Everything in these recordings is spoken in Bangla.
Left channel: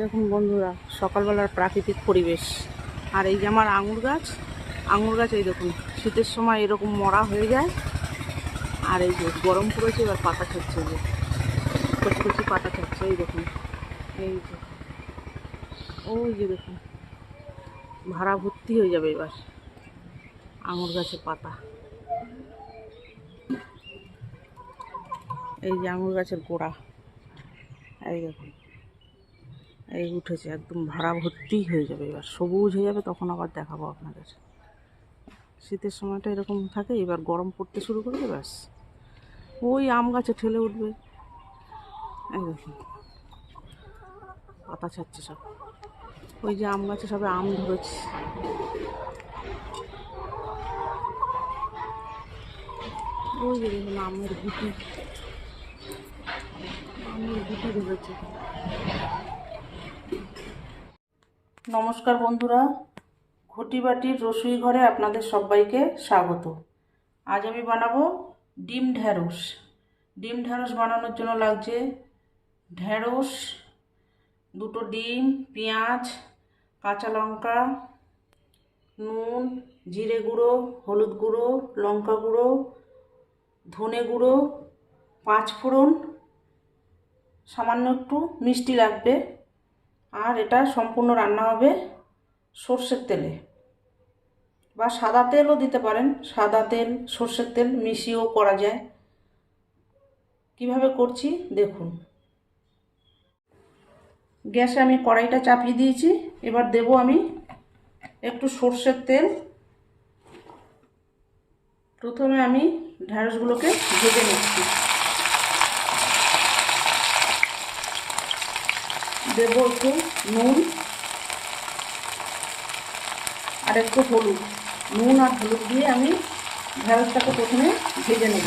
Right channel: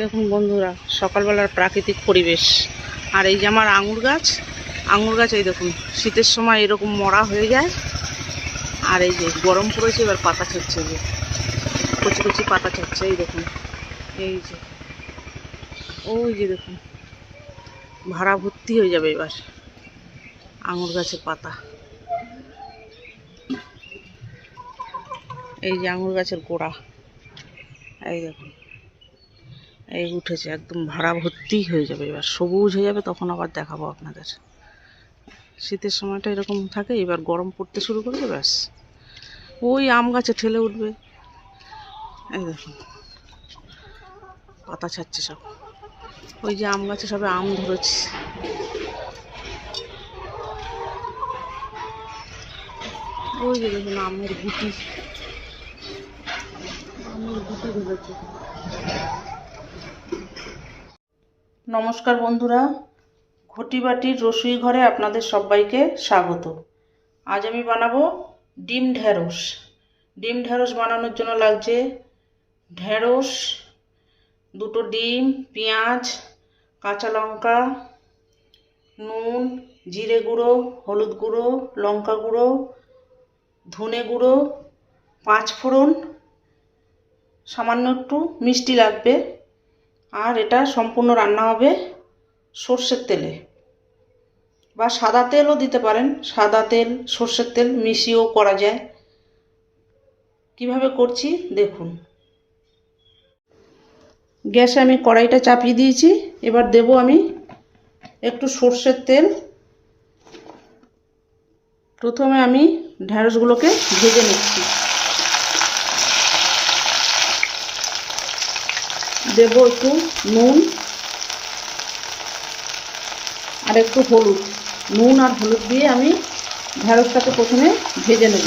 এই দেখুন বন্ধুরা, সকালবেলার প্রাকৃতিক পরিবেশ। আর এই যে আমার আঙুর গাছ, এই দেখুন শীতের সময় এরকম মরা হয়ে যায়। আর এই যে গরম পড়েছে, এবার পাতা ছাড়ছে, যে কচি কচি পাতা ছাড়ছে। এই দেখুন, এই যে ওই যে দেখুন ভাড়া ভর্তি হয়ে যাবে এবার আঙুর গাছের পাতা। এই যে আঙুর গাছের গোড়া, এই দেখুন এই উঠেছে, একদম ভাড়া ভর্তি হয়ে যাবে, এবার সবুজ হয়ে যাবে। তখন আবার দেখাবো আপনাদের। শীতের সময়টা এরকম থাকে, এবার গরম পড়তে শুরু করবে, ব্যাস ওই আম গাছে ঠেলে উঠবে। এই দেখুন পাতা ছাড়ছে সব, ওই যে আম গাছে সবে আম ধরেছে। ওই যে দেখুন আমের গুটি ধরেছে। নমস্কার বন্ধুরা, ঘটি বাটির রসুই ঘরে আপনাদের সবাইকে স্বাগত। আজ আমি বানাবো ডিম ঢেঁড়স। ডিম ঢেঁড়স বানানোর জন্য লাগছে ঢেঁড়স, দুটো ডিম, পেঁয়াজ, কাঁচা লঙ্কা, নুন, জিরে গুঁড়ো, হলুদ গুঁড়ো, লঙ্কা গুঁড়ো, ধনে গুঁড়ো, 5 ফোড়ন, সামান্য একটু মিষ্টি লাগবে। আর এটা সম্পূর্ণ রান্না হবে সর্ষের তেলে, বা সাদা তেলও দিতে পারেন। সাদা তেল, সর্ষের তেল মিশিয়েও করা যায়। কিভাবে করছি দেখুন। গ্যাসে আমি কড়াইটা চাপিয়ে দিয়েছি। এবার দেব আমি একটু সর্ষের তেল। প্রথমে আমি ঢেঁড়সগুলোকে ভেজে নিচ্ছি। দেব একটু নুন আর একটু হলুদ। নুন আর হলুদ দিয়ে আমি ঢেঁড়সটাকে প্রথমে ভেজে নেব।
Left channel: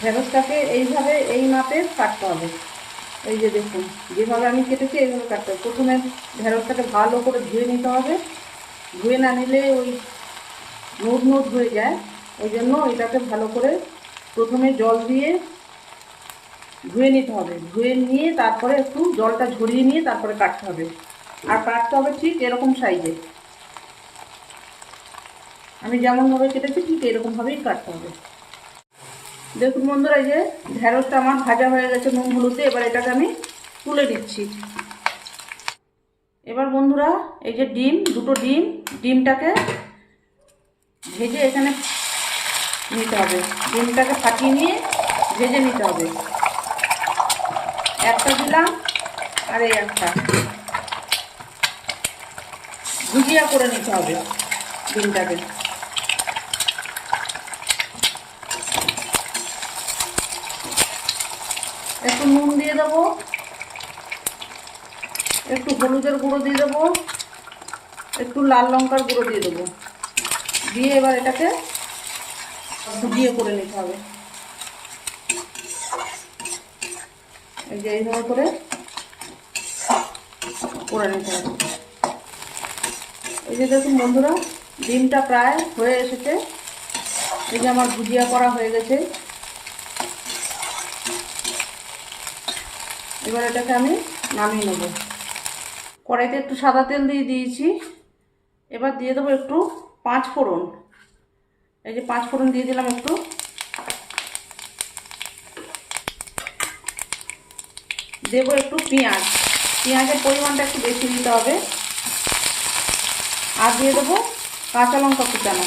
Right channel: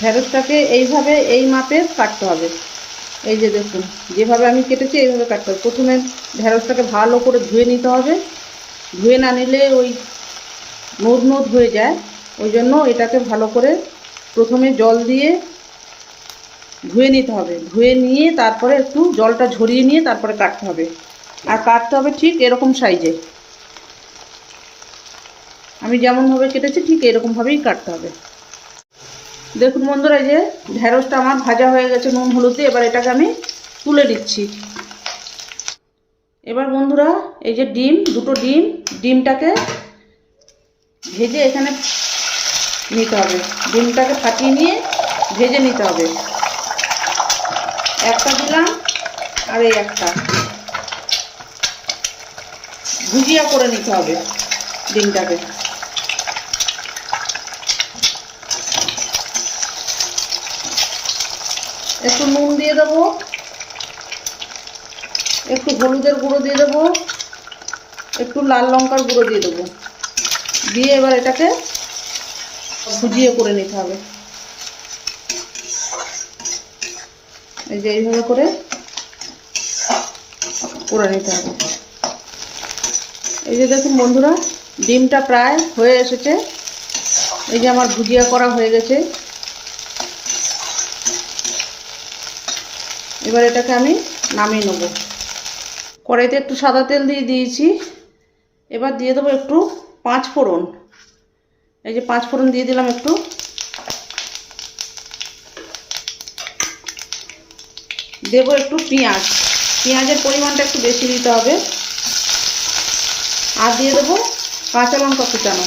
ঢেঁড়সটাকে এইভাবে এই মাপে কাটতে হবে। এই যে দেখুন যেভাবে আমি কেটেছি এইভাবে কাটতে হবে। প্রথমে ঢেঁড়সটাকে ভালো করে ধুয়ে নিতে হবে। ধুয়ে না নিলে ওই নোদ নোদ হয়ে যায়, ওই জন্য এটাকে ভালো করে প্রথমে জল দিয়ে ধুয়ে নিতে হবে। ধুয়ে নিয়ে তারপরে একটু জলটা ঝরিয়ে নিয়ে তারপরে কাটতে হবে। আর কাটতে হবে ঠিক এরকম সাইজে। আমি যেমনভাবে কেটেছি ঠিক এরকমভাবেই কাটতে হবে। দেখুন বন্ধুরা, এই যে ঢেঁড়সটা আমার ভাজা হয়ে গেছে নুন হলুদে। এবার এটাকে আমি তুলে দিচ্ছি। এবার বন্ধুরা, এই যে দুটো ডিমটাকে ভেজে এখানে নিতে হবে। ডিমটাকে ফাটিয়ে নিয়ে ভেজে নিতে হবে। একটা দিলাম আর এই একটা, ভুজিয়া করে নিতে হবে ডিমটাকে। একটু নুন দিয়ে দেবো, একটু হলুদের গুঁড়ো দিয়ে দেবো, একটু লাল লঙ্কার গুঁড়ো দিয়ে দেবো। দিয়ে এবার এটাকে ভুজিয়ে করে নিতে হবে। এই যে এইভাবে করে নিতে হবে। এই যে দেখুন বন্ধুরা, ডিমটা প্রায় হয়ে এসেছে। এই যে আমার ভুজিয়া করা হয়ে গেছে। এবার এটাকে আমি নামিয়ে নেব। কড়াইতে একটু সাদা তেল দিয়ে দিয়েছি। এবার দিয়ে দেবো একটু 5 ফোড়ন। এই যে 5 ফোড়ন দিয়ে দিলাম একটু। দেব একটু পেঁয়াজ। পেঁয়াজের পরিমাণটা একটু বেশি দিতে হবে। আর দিয়ে দেবো কাঁচা লঙ্কা কুচানো।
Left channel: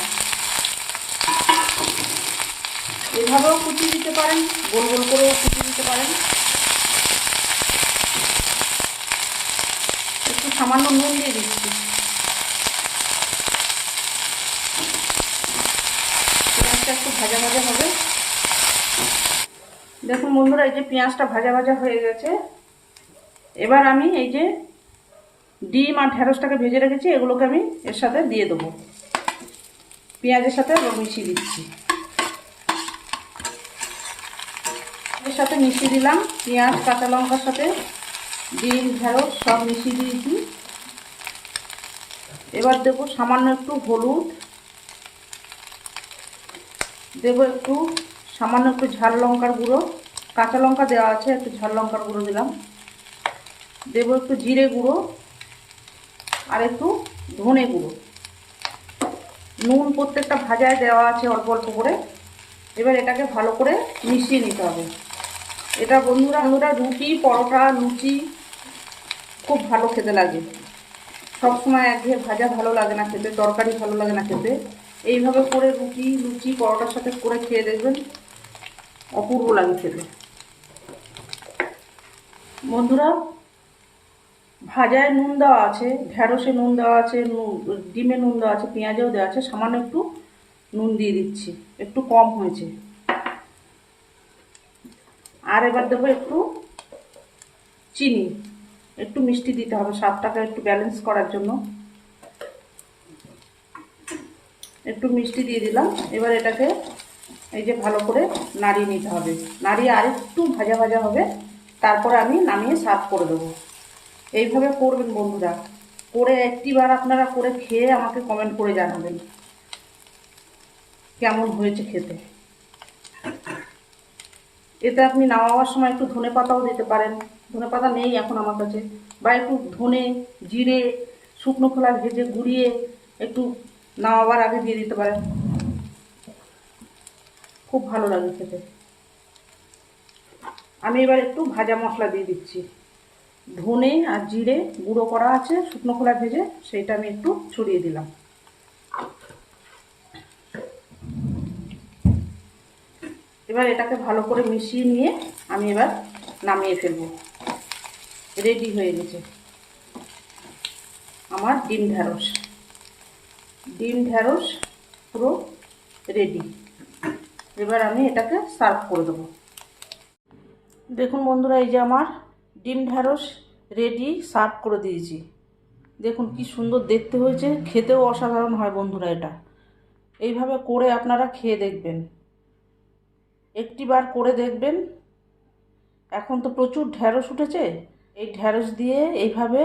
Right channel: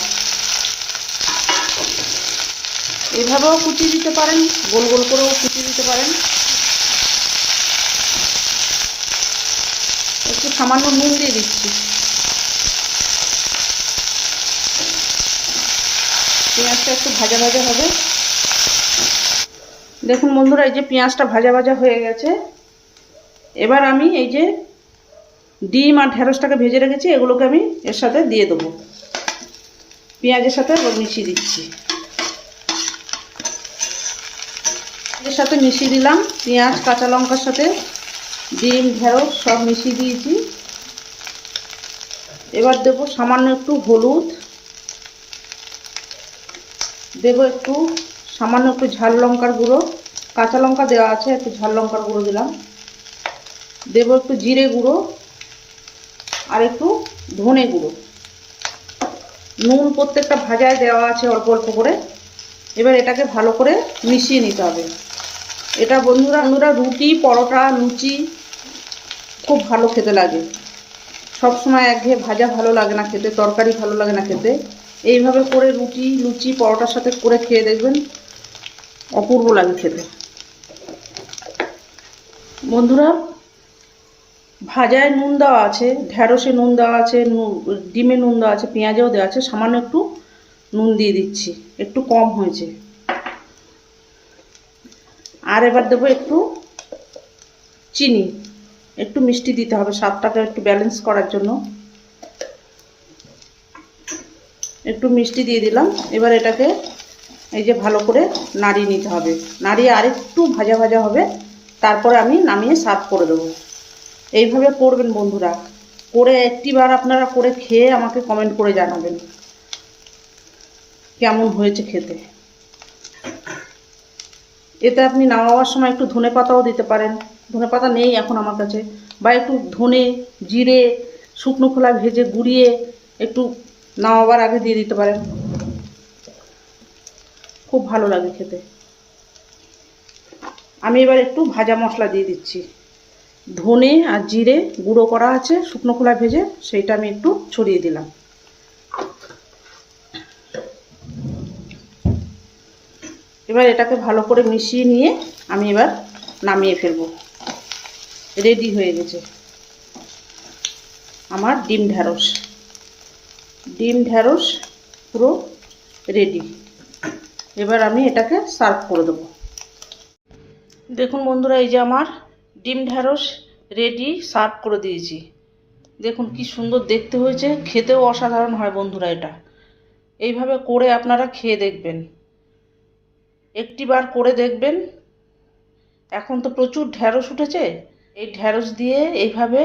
এভাবেও কুচিয়ে দিতে পারেন, গোল গোল করেও কুচিয়ে দিতে পারেন। একটু সামান্য নুন দিয়ে দিচ্ছি। পেঁয়াজটা একটু ভাজা ভাজা হবে। দেখুন বন্ধুরা, এই যে পেঁয়াজটা ভাজা ভাজা হয়ে গেছে। এবার আমি এই যে ডিম আর ঢেঁড়সটাকে ভেজে রেখেছি, এগুলোকে আমি এর সাথে দিয়ে দেবো। পেঁয়াজের সাথে মিশিয়ে দিচ্ছি। এর সাথে মিশিয়ে দিলাম পেঁয়াজ কাঁচা লঙ্কার সাথে ডিম ঢেঁড়স সব মিশিয়ে দিয়েছি। এবার দেব সামান্য একটু হলুদ, দেব একটু সামান্য একটু ঝাল লঙ্কার গুঁড়ো, কাঁচা লঙ্কা দেওয়া আছে, একটু ঝাল লঙ্কার গুঁড়ো দিলাম, দেবো একটু জিরে গুঁড়ো আর একটু ধনে গুঁড়ো। নুন প্রত্যেকটা ভাজায় দেওয়া আছে অল্প অল্প করে। এবার এটাকে ভালো করে মিশিয়ে নিতে হবে। এটা বন্ধুরা রুটি, পরোটা, লুচি খুব ভালো খেতে লাগে। সবসময় একঘেয়ে ভাজা ভালো লাগে না খেতে, তরকারি ভালো লাগে না খেতে। এইভাবে করে রুটি, লুচি, পরোটার সাথে করে খেয়ে দেখবেন, অপূর্ব লাগে খেতে। বন্ধুরা, ভাজায় নুন দেওয়া আছে, ঢ্যাঁড়সে নুন দেওয়া আছে, ডিমে নুন দেওয়া আছে, পেঁয়াজেও দেওয়া আছে। সামান্য একটু নুন দিয়ে দিচ্ছি, একটু কম হয়েছে। আর এবার দেবো একটু চিনি, একটু মিষ্টি দিতে হবে স্বাদটাকে একটু ব্যালেন্স করার জন্য। একটু মিষ্টি দিয়ে দিলাম। এবার এটাকে এই যে ভালো করে নাড়িয়ে নিতে হবে। নাড়িয়ে আরেকটু ভাজা ভাজা হবে, তারপরে আমি নামিয়ে সার্ভ করে দেবো। এইভাবে করবেন বন্ধুরা, করে একটিবার আপনারা করে খেয়ে আমাকে কমেন্ট করে জানাবেন কেমন হয়েছে খেতে। এতে আপনি নামাবার সময় একটু ধনে পাতাও দিতে পারেন। ধনে পাতা নেই এখন আমার কাছে, বা একটু ধনে, জিরে, শুকনো খোলা ভেজে গুঁড়িয়ে একটু নামাবার আগে দিয়ে দিতে পারেন, খুব ভালো লাগে খেতে। আমি এবার একটু ভাজা মশলা দিয়ে দিচ্ছি। ধনে আর জিরে গুঁড়ো করা আছে শুকনো খোলা ভেজে, সেইটা আমি একটু ছড়িয়ে দিলাম। এবার এটাকে ভালো করে মিশিয়ে নিয়ে আমি এবার নামিয়ে ফেলবো। রেডি হয়ে গেছে আমার ডিম ঢ্যাঁড়স। ডিম ঢ্যাঁড়স পুরো রেডি। এবার আমি এটাকে সার্ভ করে দেবো। দেখুন বন্ধুরা, এই যে আমার ডিম ঢ্যাঁড়স রেডি, সার্ভ করে দিয়েছি। দেখুন কি সুন্দর দেখতে হয়েছে, খেতেও অসাধারণ হয় বন্ধুরা। এটা এইভাবে করে আপনারা খেয়ে দেখবেন, একটিবার করে দেখবেন। এখন তো প্রচুর ঢ্যাঁড়স উঠেছে, এই ঢ্যাঁড়স দিয়ে এইভাবে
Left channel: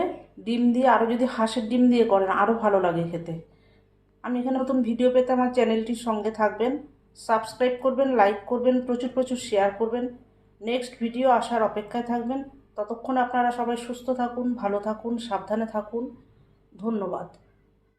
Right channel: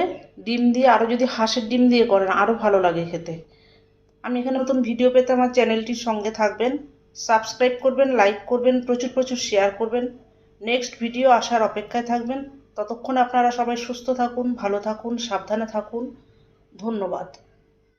ডিম দিয়ে, আরও যদি হাঁসের ডিম দিয়ে করেন আরও ভালো লাগে খেতে। আমি এখানে নতুন ভিডিও পেতে আমার চ্যানেলটির সঙ্গে থাকবেন, সাবস্ক্রাইব করবেন, লাইক করবেন, প্রচুর প্রচুর শেয়ার করবেন। নেক্সট ভিডিও আসার অপেক্ষায় থাকবেন। ততক্ষণ আপনারা সবাই সুস্থ থাকুন, ভালো থাকুন, সাবধানে থাকুন। ধন্যবাদ।